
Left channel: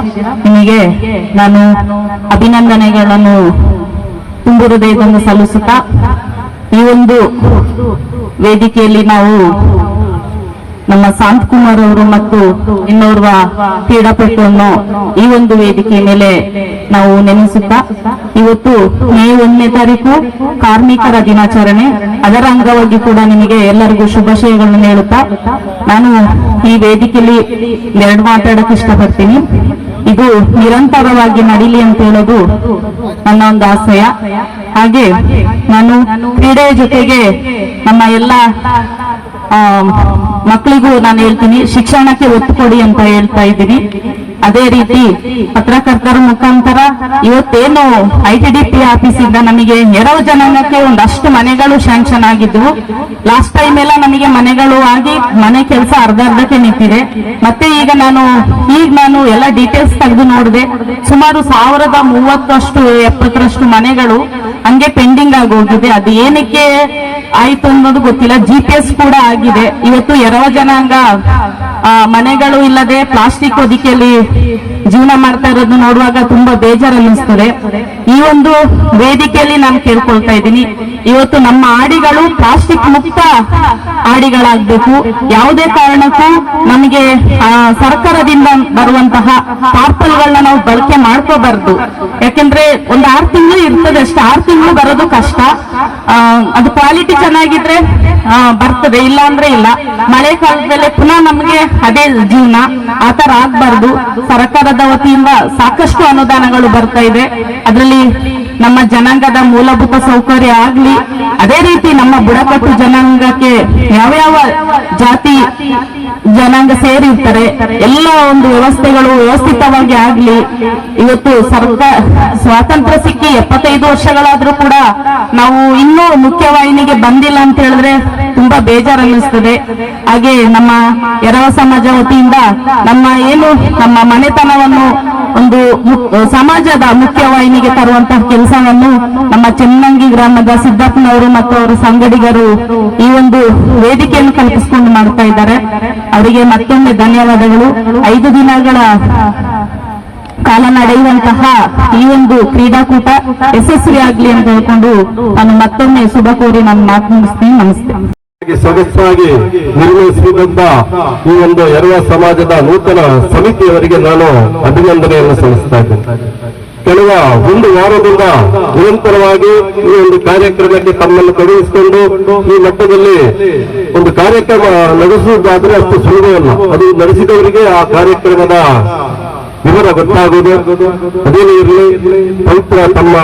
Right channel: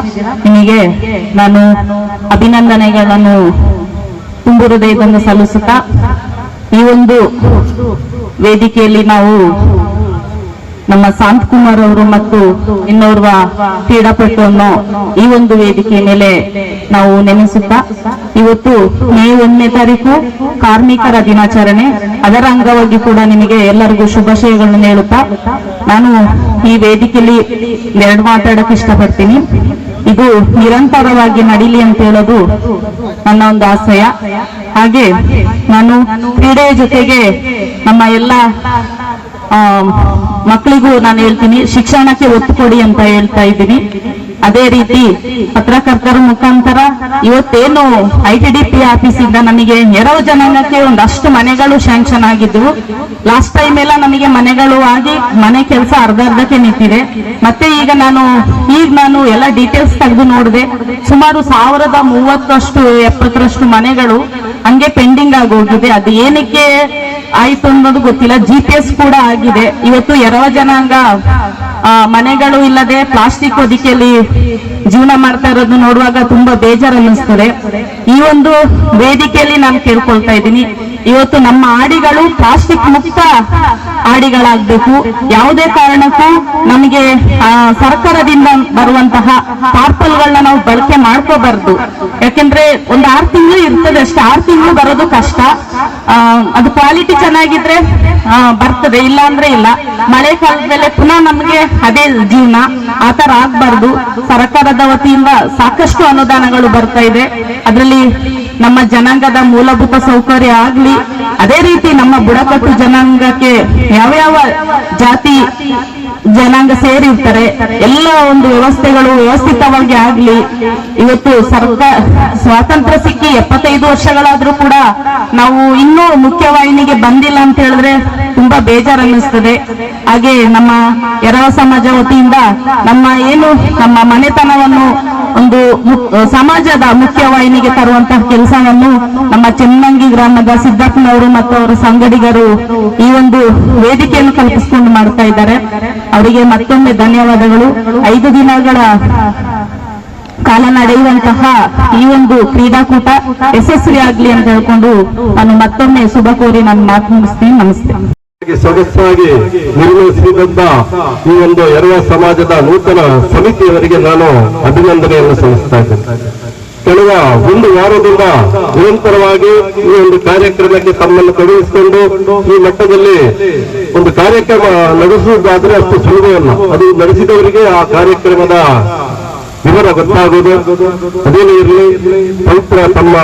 ನಿಮಗೆ ನಾನು ಅಭಿನಂದನೆಗಳನ್ನು ತುಂಬು ಹೃದಯವನ್ನು ಸಲ್ಲಿಸುತ್ತಾ ಈ ಒಂದು ವೇದಿಕೆಯಲ್ಲಿ ನಾವು ನಮ್ಮ ಶಾಂತ್ ಕುಮಾರ್ ಅವರು ಮತ್ತು ಇನ್ನೋರ್ವ ಕ್ರೀಡಾಪಟುವನ್ನು ಈ ಒಂದು ವೇದಿಕೆ ಮೇಲೆ ನಾವು ನೆನೆಸುತ್ತಾ ಇವತ್ತು ಮೇ ಒಂದನೇ ತಾರೀಕು ಕಾರ್ಮಿಕರ ದಿನಾಚರಣೆ. ಅದರ ಅಂಗವಾಗಿ ಕೂಡ ನಿಮಗೆ ಎಲ್ಲರಿಗೂ ಶುಭಾಶಯಗಳನ್ನು ಹೇಳುತ್ತಾ ನಾನು ಈ ವೇದಿಕೆಯಲ್ಲಿ ಎರಡು ಮಾತಾಡಕ್ಕೆ ಇಷ್ಟಪಡ್ತೀನಿ. ಇದು ನಿರಂತರವಾಗಿ ನಡೀಲಿ ಅಂತ ಹೇಳೋದು ನನ್ನ ಒಂದು ಆಶಯ ಹಾಗೆ ನಾನು ಕ್ರೀಡೆಯ ಜೊತೆಗೆ ನಮ್ಮ ಎಲ್ಲ ಮಕ್ಕಳಿಗೂ ನಾನು ಹೇಳ್ತೀನಿ, ಶಿಕ್ಷಣಕ್ಕೆ ಒತ್ತು ಕೊಡಿ ಅಂತ ಹೇಳ್ತಾ ಇದ್ದೀನಿ. ಅದೇ ರೀತಿ ಪತ್ರಕರ್ತರ ಮುಖಾಂತರ ಇವತ್ತೇನು ಐ ಟಿ ಡಿ ಪಿ ಆಫೀಸಿಂದ ನಮಗೆ ನೆರವು ಜನಾಂಗಕ್ಕೆ ಒಂದಷ್ಟು ಮನೆಗಳು ಶಾಂಕ್ಷನ್ ಆಗಿದ್ವು. ಲಾಸ್ಟ್ ಟೈಮ್ ಎಲ್ಲ ನಮಗೆ ಮನೆಗಳು ಆಗಿ ಮನೆ ಕೆಲಸ ಅರ್ಧ ಅರ್ಧಕ್ಕೆ ನಿಂತಿದೆ. ಮತ್ತೆ ಈಗ ನಾನು ಈಗ ನಾನು ಎಲ್ಲ ಡೀಟೇಲ್ಸ್ ತೆಗೆದು ನೋಡಿದೆ. ಸುಮಾರು ಸಾವಿರದ ಮೂವತ್ತಷ್ಟು ಎಪ್ಪತ್ತರಷ್ಟು ಮನೆಗಳು ಹಂಗೆ ಪೆಂಡಿಂಗ್ ಆಗಿ ಹೋಗಿದೆ. ಅದು ಏನಕ್ಕೆ ಆಯ್ತು ಅನ್ನೋದು ಗೊತ್ತಿಲ್ಲ. ಜಿ ಕೂಡ ಆಗಿದೆ. ಇವತ್ತು ಎರವ ಜನಾಂಗ ಮನೆಗಳು ಇಲ್ಲದೆ ಪ್ಲಾಸ್ಟಿಕ್ ಹೊದಿಕೆಯಲ್ಲಿ ಜೀವನ ಮಾಡ್ತಾ ಇರೋದು ನೋಡುವಾಗ ತುಂಬಾ ಬೇಜಾರು ಅನ್ನಿಸ್ತದೆ ಈ ಒಂದು ವೇದಿಕೆಯಲ್ಲಿ ನಾನು ಕೇಳ್ಕೊಳ್ತಾ ಇದ್ದೀನಿ. ಇವತ್ತು ನಮ್ಮ ಆಡಿಗಳು ಪ್ಲಾಸ್ಟಿಕ್ ಮುಕ್ತ ಆಡಿಗಳಾಗಬೇಕು. ಯಾವುದೇ ಕಾರಣಕ್ಕೂ ನಮಗೆ ಸರ್ಕಾರದಿಂದ ಬರುವಂತಹ ಪಾರ್ಸಲ್ಗಳನ್ನ ನಾವು ಬಳಕೆ ಮಾಡ್ಕೋಬಾರ್ದು. ಯಾಕೆಂದ್ರೆ ಒಂದು ಆರು ತಿಂಗಳು ಇರ್ತದೆ ಅಷ್ಟೇ. ಆರು ತಿಂಗಳು ಬರೋದು ಕಷ್ಟ. ಅದು ಕ್ವಾಲಿಟಿ ಚೆನ್ನಾಗಿದ್ರೆ ಬರ್ತದೆ. ಇಲ್ಲ ಅಂದ್ರೆ ಇಲ್ಲ. ಮಳೆ ಕಾಲದಲ್ಲಿ ಪುನಃ ನಮಗೆ ಅದೇ ಜೀವನ ಆತರ ಆಗ್ಬಾರ್ದು. ಸರ್ಕಾರದ ವತಿಯಿಂದ ಸಾಕಷ್ಟು ಅನುದಾನಗಳು ಬರ್ತಾ ಇದೆ. ಅದರಲ್ಲಿ ನಮ್ಮ ಜನಾಂಗದ ಮೂಲಭೂತ ಸೌಕರ್ಯ ಆಗ್ಲಿ, ಅದೇ ರೀತಿ ನಮ್ಮ ಬುಡಕಟ್ಟು ಜನಾಂಗಕ್ಕೆ ಯಾವ್ಯಾವ ಜಾತಿ ಜನಾಂಗ ಸೇರಿರ್ತಾರೆ. ಎಲ್ಲ ಒಂದು ವ್ಯವಸ್ಥೆಗಳು ವ್ಯವಸ್ಥಿತವಾಗಿ ಆಗ್ಲಿ. ಇವತ್ತು ಸರ್ಕಾರ ಸ್ವಾತಂತ್ರ್ಯ ಸಿಕ್ಕಿ ಎಪ್ಪತ್ತೈದು ವರ್ಷಗಳಾದ್ರೂ ಕೂಡ ನಾವು ಇನ್ನೂ ಮುಖ್ಯವಾಹಿನಿಗೆ ಬಂದಿಲ್ಲ ಅಂತ ಹೇಳಿದ್ರೆ ತುಂಬಾ ಬೇಜಾರು ಅನ್ನಿಸ್ತದೆ ಹಾಗೆ ನಮ್ಮ ಎರವ ಸಮಾಜ ವತಿಯಿಂದ ನಮ್ಮ ಏನು ನಮ್ಮ ಮನೆತನವನ್ನು ಒಂದು ಸಮಾಜದ ಮುಖ್ಯವಾಹಿನಿಗೆ ತರುವಂತಹ ಕೆಲಸವನ್ನು ನಮ್ಮ ಚೆನ್ನಂಗಿ ಗ್ರಾಮದ ಸಿದ್ದಪ್ಪನವರು ಮತ್ತು ಅವರ ಸಂಗಡಿಗರು ಈ ಒಂದು ವೇದಿಕೆಯನ್ನು ಕಲ್ಪಿಸಿಕೊಂಡು ಮಾಡ್ತಾ ಇದ್ದಾರೆ. ಅವರಿಗೆ ಮತ್ತೊಮ್ಮೆ ಧನ್ಯವಾದಗಳು. ಐದು ದಿನಗಳ ಕಾಲ ನಡೆಯುವಂತಹ ಈ ಒಂದು ಕ್ರೀಡಾಕೂಟ ಯಶಸ್ವಿ ಆಗ್ಲಿ ಅಂತ ಹೇಳ್ಕೊಂಡು ನಾನು ಮತ್ತೊಮ್ಮೆ ಶುಭ ಕೋರಿ ನಾನು ಮಾತು ಮುಗಿಸ್ತೀನಿ. ನಮಸ್ತೆ. ಸೊಗಸಾಗಿ ನಿರ್ವಹಿಸಿದಂತ ಈ ಒಂದು ಎರೆಯ ಸಮಾಜದ ನೂತನ ಸಮಿತಿಯವರಿಗೆ ನಾನು ಅಭಿನಂದನೆಯನ್ನು ಸಲ್ಲಿಸ್ತಾ ಇದ್ದೇನೆ. ಕಳೆದ ಒಂದು ವಾರದಿಂದ ನಿರಂತರವಾಗಿ ಈ ಒಂದು ಕಾರ್ಯಕ್ರಮಕ್ಕೆ ತಮ್ಮನ್ನು ತೊಡಗಿಸಿಕೊಂಡು ಈ ಮಟ್ಟದಲ್ಲಿ ಒಂದು ಕಾರ್ಯಕ್ರಮ ನಡೆಸುವುದಾದ್ರೆ ಅಷ್ಟು ಸುಲಭವಲ್ಲ ಅದು ನಡೆಸಿದವರಿಗೆ ಆ ಕಾರ್ಯಕ್ರಮದ ವಿವರ ಗೊತ್ತಾಗುವುದು ಅದೇನೇ ಇರಲಿ ಪವಿತ್ರ ತಮ್ಮ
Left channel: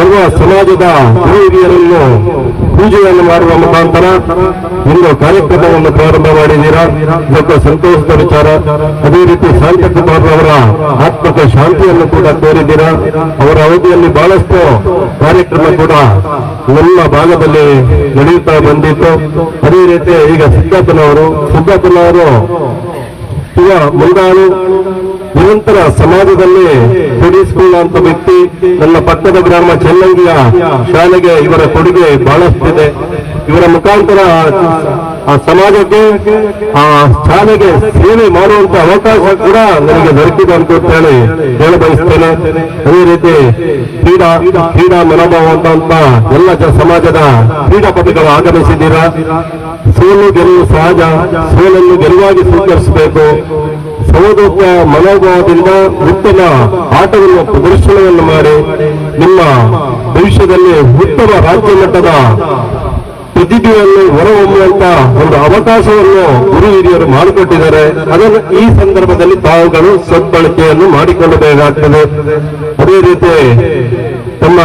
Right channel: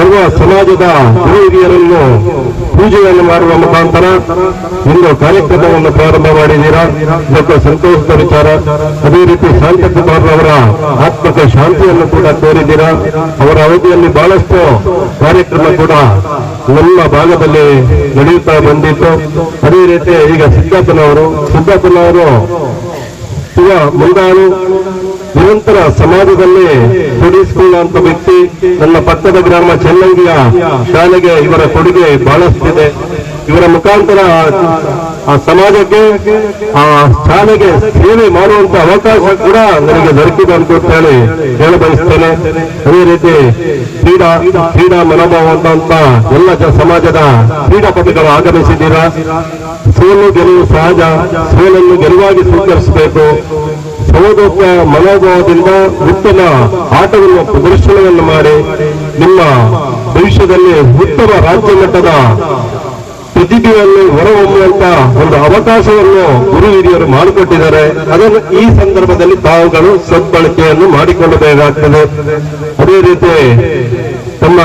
ಎಲ್ಲ ಸಮಾಜದ ಹಿರಿಯರನ್ನು ಪೂಜೆಯನ್ನು ಮಾಡುವ ಮುಖಾಂತರ ಒಂದು ಕಾರ್ಯಕ್ರಮವನ್ನು ಪ್ರಾರಂಭ ಮಾಡಿದ್ದೀರಾ? ಇದಕ್ಕೆ ಸಂತೋಷದ ವಿಚಾರ. ಅದೇ ರೀತಿ ಶಾಂತಕುಮಾರ್ ಅವರ ಆತ್ಮಕ್ಕೆ ಶಾಂತಿಯನ್ನು ಕೂಡ ಕೋರಿದ್ದೀರಾ? ಅವರ ಅವಧಿಯಲ್ಲಿ ಬಹಳಷ್ಟು ಕಾರ್ಯಕ್ರಮ ಕೂಡ ಎಲ್ಲ ಭಾಗದಲ್ಲಿ ನಡೆಯುತ್ತಾ ಬಂದಿತ್ತು. ಅದೇ ರೀತಿ ಈಗ ಸಿದ್ದಪ್ಪನವರು ಸಿದ್ದಪ್ಪನವರು ಈಗ ಮುಂದಾಳು. ನಿರಂತರ ಸಮಾಜದಲ್ಲಿ ತೊಡಗಿಸಿಕೊಳ್ಳುವಂತ ವ್ಯಕ್ತಿ ನನ್ನ ಪಕ್ಕದ ಗ್ರಾಮ ಚೆನ್ನಂಗಿಯ ಶಾಲೆಗೆ ಇವರ ಕೊಡುಗೆ ಬಹಳಷ್ಟಿದೆ. ಇವರ ಮುಖಾಂತರ ಆ ಸಮಾಜಕ್ಕೆ, ಆ ಶಾಲೆಗೆ ಸೇವೆ ಮಾಡುವಂತ ಅವಕಾಶ ಕೂಡ ನನಗೆ ದೊರಕಿದೆ ಅಂತ ಹೇಳಿ ಹೇಳ ಬಯಸ್ತೇನೆ ಅದೇ ರೀತಿ ಕ್ರೀಡಾ ಕ್ರೀಡಾ ಮನೋಭಾವ ಅಂತ ಎಲ್ಲ ಸಮಾಜದ ಕ್ರೀಡಾಪಟುಗಳು ಆಗಮಿಸಿದ್ದೀರಾ? ಸೋಲು ಗೆಲುವು ಸಹಜ, ಸೋಲನ್ನು ಗೆಲುವಾಗಿ ಸ್ವೀಕರಿಸಬೇಕು. ಸಹೋದರ ಮನೋಭಾವದಿಂದ ಉತ್ತಮ ಆಟವನ್ನು ಪ್ರದರ್ಶನವನ್ನು ಮಾಡಿ ನಿಮ್ಮ ಭವಿಷ್ಯದಲ್ಲಿ ಉತ್ತಮ ರಾಜ್ಯ ಮಟ್ಟದ ಪ್ರತಿಭೆಯನ್ನು ಹೊರಹೊಮ್ಮುವಂತ ಒಂದು ಅವಕಾಶವನ್ನು ಗುರು ಹಿರಿಯರು ಮಾಡಿಕೊಟ್ಟಿದ್ದಾರೆ. ಅದನ್ನು ಈ ಸಂದರ್ಭದಲ್ಲಿ ತಾವುಗಳು ಸದ್ಬಳಕೆಯನ್ನು ಮಾಡಿಕೊಳ್ಳಬೇಕಾಗ್ತದೆ. ಅದೇ ರೀತಿ ತಮ್ಮ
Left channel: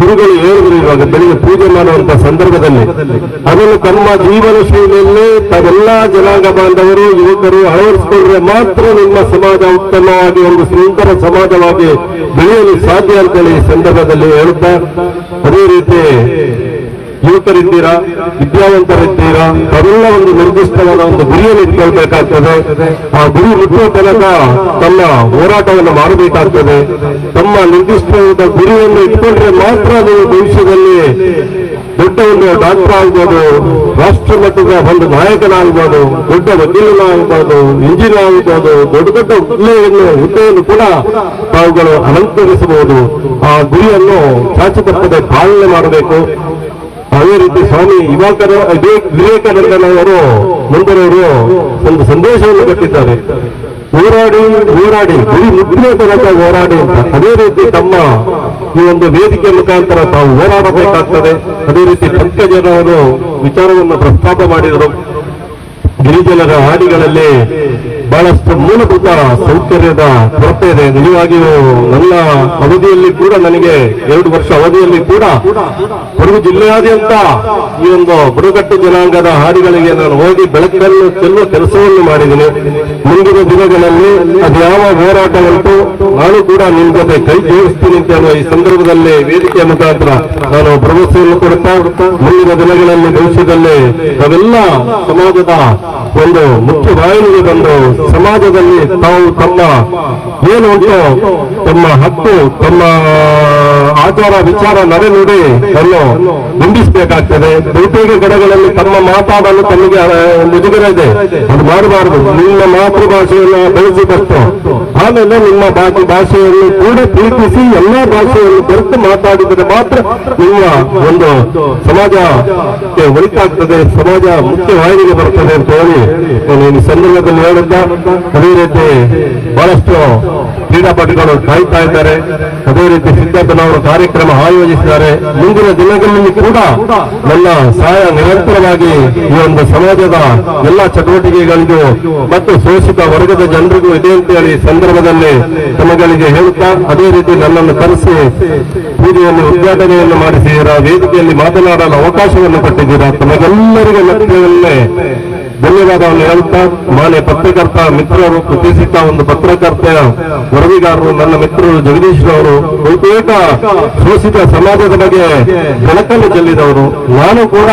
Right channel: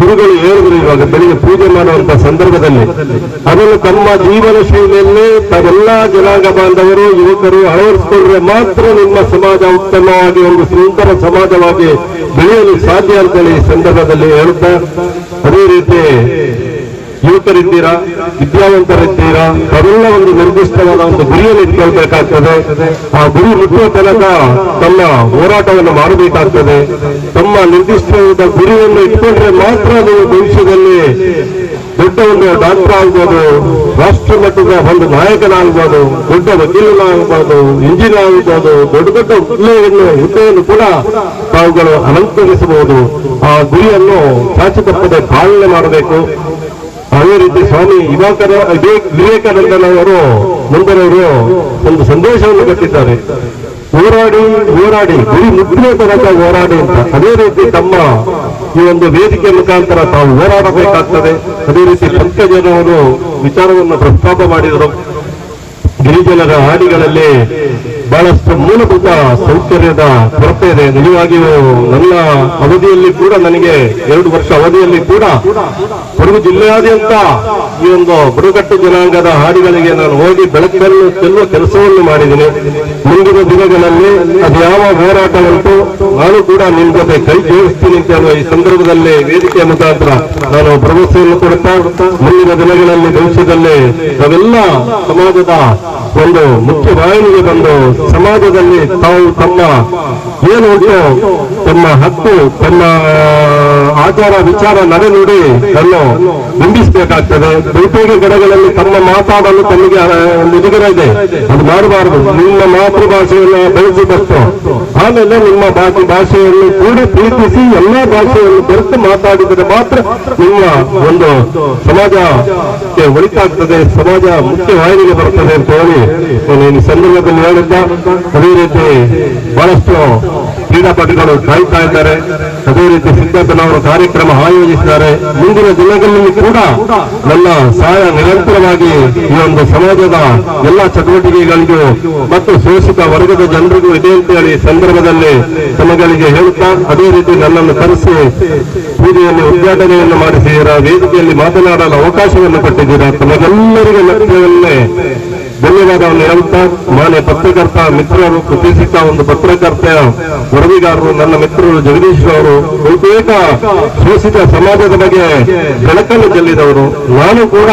ಗುರುಗಳು ಹೇಳಿದ್ರು ಬೆಳಿಗ್ಗೆ ಪೂಜೆ ಮಾಡುವಂತ ಸಂದರ್ಭದಲ್ಲಿ. ಅದನ್ನು ತಮ್ಮ ಜೀವನ ಶೈಲಿಯಲ್ಲಿ ತಾವೆಲ್ಲಾ ಜನಾಂಗ ಬಾಂಧವರು, ಯುವಕರು ಅಳವಡಿಸಿಕೊಂಡ್ರೆ ಮಾತ್ರ ನಿಮ್ಮ ಸಮಾಜ ಉತ್ತಮವಾಗಿ, ಒಂದು ಸುಂದರ ಸಮಾಜವಾಗಿ ಬೆಳೆಯಲು ಸಾಧ್ಯ ಅಂತೇಳಿ ಈ ಸಂದರ್ಭದಲ್ಲಿ ಹೇಳುತ್ತಾ ಅದೇ ರೀತಿ ಯುವಕರಿದ್ದೀರಾ ವಿದ್ಯಾವಂತರಿದ್ದೀರಾ? ಅವರೆಲ್ಲ ಒಂದು ನಿರ್ದಿಷ್ಟವಾದ ಒಂದು ಗುರಿಯನ್ನು ಇಟ್ಕೊಳ್ಬೇಕಾಗ್ತದೆ ಆ ಗುರಿ ಮುಟ್ಟುವ ತನಕ ತಮ್ಮ ಹೋರಾಟವನ್ನು ಮಾಡಬೇಕಾಗ್ತದೆ. ತಮ್ಮ ನಿರ್ದಿಷ್ಟವಾದ ಗುರಿಯನ್ನು ಇಟ್ಕೊಂಡ್ರೆ ಮಾತ್ರ ನೀವು ಭವಿಷ್ಯದಲ್ಲಿ ದೊಡ್ಡ ಒಂದು ಡಾಕ್ಟರ್ ಆಗ್ಬೋದು, ರಾಷ್ಟ್ರ ಮಟ್ಟದ ಒಂದು ನಾಯಕನಾಗ್ಬೋದು, ದೊಡ್ಡ ವಕೀಲನಾಗ್ಬೋದು ಇಂಜಿನಿಯರ್ ಆಗ್ಬೋದು, ದೊಡ್ಡ ದೊಡ್ಡ ಹುದ್ದೆಯನ್ನು ಹುದ್ದೆಯನ್ನು ಕೂಡ ತಾವುಗಳು ಅಲಂಕರಿಸಬಹುದು. ಆ ಗುರಿಯನ್ನು ಚಾಚಿ ತಪ್ಪದೆ ಪಾಲನೆ ಮಾಡಬೇಕು. ಅದೇ ರೀತಿ ಸ್ವಾಮಿ ಯುವಕರ ವಿವೇಕ್- ವಿವೇಕಾನಂದನವರು ಮುಂದರವರು ಒಂದು ಸಂದೇಶವನ್ನು ಕೊಟ್ಟಿದ್ದಾರೆ. ಹೋರಾಡಿ ಹೋರಾಡಿ, ಬರೀ ಮುದ್ರೆ ತನಕ ಹೋರಾಡಿ ಅಂತ. ಅದೇ ರೀತಿ ತಮ್ಮ ಈ ಒಂದು ವೇದಿಕೆ ಮುಖಾಂತರ ತಾವು ಹೋರಾಡಬೇಕಾಗ್ತದೆ. ಅದೇ ರೀತಿ ಪಂಕಜನವರು ವಿಚಾರವನ್ನು ಪ್ರಸ್ತಾಪ ಮಾಡಿದರು. ಗಿರಿಜನರ ಹಾಡಿಗಳಲ್ಲಿ ಬಹಳಷ್ಟು ಮೂಲಭೂತ ಸೌಕರ್ಯದ ಕೊರತೆ ಇದೆ ನಿಜವಾಗಿಯೂ ನನ್ನ ಅವಧಿಯಲ್ಲಿ ಕೂಡ ನನಗೆ ಎರಡು ವರ್ಷ ಅವಧಿಯಲ್ಲಿ ಕೂಡ ಕೊಡಗು ಜಿಲ್ಲೆಯಾದ್ಯಂತ ಈ ಒಂದು ಬುಡಕಟ್ಟು ಜನಾಂಗದ ಹಾಡಿಗಳಿಗೆ ನಾನು ಹೋಗಿ ಬೆಳಕನ್ನು, ಚೆಲ್ಲುವ ಕೆಲಸವನ್ನು ಮಾಡಿದ್ದೀನಿ. ಮುಂದಿನ ದಿನಗಳಲ್ಲಿ ಅದು ಯಾವ ಹೋರಾಟ ಉಂಟು ನಾನು ಕೂಡ ನಿಮ್ಮ ಜೊತೆ ಕೈ ಜೋಡಿಸ್ತೀನಿ ಅಂತ ಹೇಳುವ ಈ ಸಂದರ್ಭದಲ್ಲಿ ವೇದಿಕೆಯ ಮುಖಾಂತರ ನಾನು ಭರವಸೆಯನ್ನು ಕೊಡುತ್ತಾ, ಮುಂದಿನ ದಿನಗಳಲ್ಲಿ ಭವಿಷ್ಯದಲ್ಲಿ ನಾವೆಲ್ಲ ಸಮಾಜದ ಒಂದು ಮುಖ್ಯ ವಾಹಿನಿಗೆ ಬಂದು ಸಮಾಜದಲ್ಲಿ ತಾವು ತಮ್ಮ ಏನು ಉಂಟು ತಮ್ಮ ಹಕ್ಕು, ತನ್ನ ಆಚಾರ ವಿಚಾರ ನಡೆನುಡಿ ತನ್ನ ಬಿಂಬಿಸಬೇಕಾಗ್ತದೆ. ಬಹುತೇಕ ಕಡೆಗಳಲ್ಲಿ ತಮ್ಮ ಮಾತಾಡಲು ತಮಗೆ ಒಂದು ಇದೆ. ಅದು ಮಾಡಬಾರದು. ನಿಮ್ಮ ಮಾತೃಭಾಷೆಯನ್ನು ಬೆಳೆಸಿದಷ್ಟೇ ಆಮೇಲೆ ನಿಮ್ಮ ಬಾಕಿ ಭಾಷೆಯನ್ನು ಕೂಡ ಪ್ರೀತಿಸಿ ಎಲ್ಲ ಭಾಷೆಯನ್ನು ಬೆರೆತು ಮಾತಾಡಿದರೆ ಮಾತ್ರ ನಿಮ್ಮ ಒಂದು ಸಮಾಜಕ್ಕೆ ಒಳಿತಾಗ್ತದೆ, ಸಮಾಜ ಮುಖ್ಯ ವಾಹಿನಿಗೆ ಬರ್ತದೆ ಅಂತ ಹೇಳಿ ನಾನು ಈ ಸಂದರ್ಭದಲ್ಲಿ ಹೇಳುತ್ತಾ ಅದೇ ರೀತಿ ಬಹಳಷ್ಟು ಕ್ರೀಡಾಪಟುಗಳು ಕಾಯ್ತಾ ಇದ್ದಾರೆ. ಅದೇ ರೀತಿ ಸಿದ್ದಪ್ಪನವರು ಕಾರ್ಯಕ್ರಮ ಆಯೋಜಿಸಿದ್ದಾರೆ. ಮುಂದಿನ ದಿನಗಳಲ್ಲಿ ಕೂಡ ನನ್ನ ಸಹಾಯ ನಿರಂತರವಾಗಿ ಈ ಒಂದು ಸಮಾಜದ ಎಲ್ಲ ಚಟುವಟಿಕೆಗಳಿಗೂ ಮತ್ತು ಶೋಷಿತ ವರ್ಗದ ಜನರಿಗೂ ಇದೆ ಅಂತ ಹೇಳಿ ಸಂದರ್ಭದಲ್ಲಿ ತಮಗಳಿಗೆ ಹೇಳುತ್ತಾ, ಅದೇ ರೀತಿ ನನ್ನನ್ನು ಕರೆಸಿ ಬೀದಿಯಲ್ಲಿ ಉದ್ಘಾಟನೆಯನ್ನು ಮಾಡಿಸಿದ್ದೀರಾ ವೇದಿಕೆಯಲ್ಲಿ ಮಾತನಾಡಲು ಅವಕಾಶವನ್ನು ಕೊಟ್ಟಿದ್ದೀರಾ? ತಮಗೆಲ್ಲರಿಗೂ ಲಕ್ಷ್ಯವನ್ನೇ ಧನ್ಯವಾದವನ್ನು ಹೇಳುತ್ತಾ ಮಾನ್ಯ ಪತ್ರಕರ್ತ ಮಿತ್ರರು ಕೃತಿಸಿದ್ದ ಒಂದು ಪತ್ರಕರ್ತ ವರದಿಗಾರರು, ನನ್ನ ಮಿತ್ರರು ಜಗದೀಶ್ ಅವರು ಬಹುತೇಕ ಶೋಷಿತ ಸಮಾಜದ ಬಗ್ಗೆ ಬೆಳಕನ್ನು ಚೆಲ್ಲಿದವರು. ನಾನು ಕೂಡ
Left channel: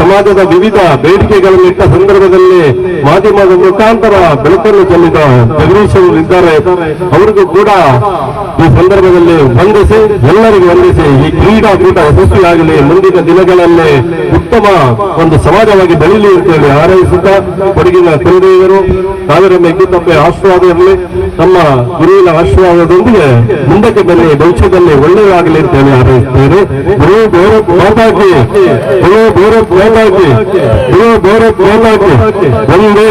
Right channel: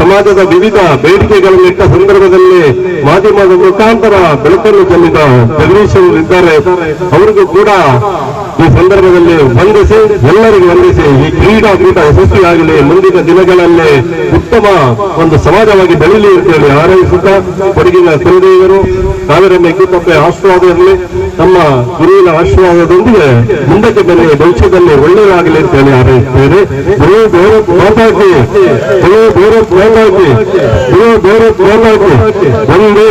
ಸಮಾಜದ ವಿವಿಧ ಬೇಡಿಕೆಗಳನ್ನು ಇಟ್ಟ ಸಂದರ್ಭದಲ್ಲಿ ಮಾಧ್ಯಮದ ಮುಖಾಂತರ ಬೆಳಕನ್ನು ಚೆಲ್ಲಿದ ಜಗದೀಶ್ ಇದ್ದಾರೆ. ಅವರಿಗೂ ಕೂಡ ಈ ಸಂದರ್ಭದಲ್ಲಿ ವಂದಿಸಿ ಎಲ್ಲರಿಗೂ ವಂದಿಸಿ ಈ ಕ್ರೀಡಾಕೂಟ ಯಶಸ್ವಿಯಾಗಲಿ. ಮುಂದಿನ ದಿನಗಳಲ್ಲಿ ಉತ್ತಮ ಒಂದು ಸಮಾಜವಾಗಿ ಬೆಳೀಲಿ ಅಂತೇಳಿ ಹಾರೈಸುತ್ತಾ ಕೊಡಗಿನ ತಂದೆಯರು ಕಾವೇರಿ ಮೆಗ್ಗಿಪಪ್ಪೆ ಆಶೀರ್ವಾದ ಇರಲಿ ತಮ್ಮ ಗುರುವಿನ ಆಶೀರ್ವಾದದೊಂದಿಗೆ ಮುಂದಕ್ಕೆ ಬನ್ನಿ, ಭವಿಷ್ಯದಲ್ಲಿ ಒಳ್ಳೆಯದಾಗಲಿ ಅಂತೇಳಿ ಹಾರೈಸುತ್ತೇನೆ. ಗುರು ಬೇರೆ ಪ್ರೇಮಾಗಿ, ಗುರು ಬೇರೆ ಪ್ರೇಮಾಗಿ, ಗುರು ಬೇರೆ ಪ್ರೇಮಾಗಿ ಒಂದೇ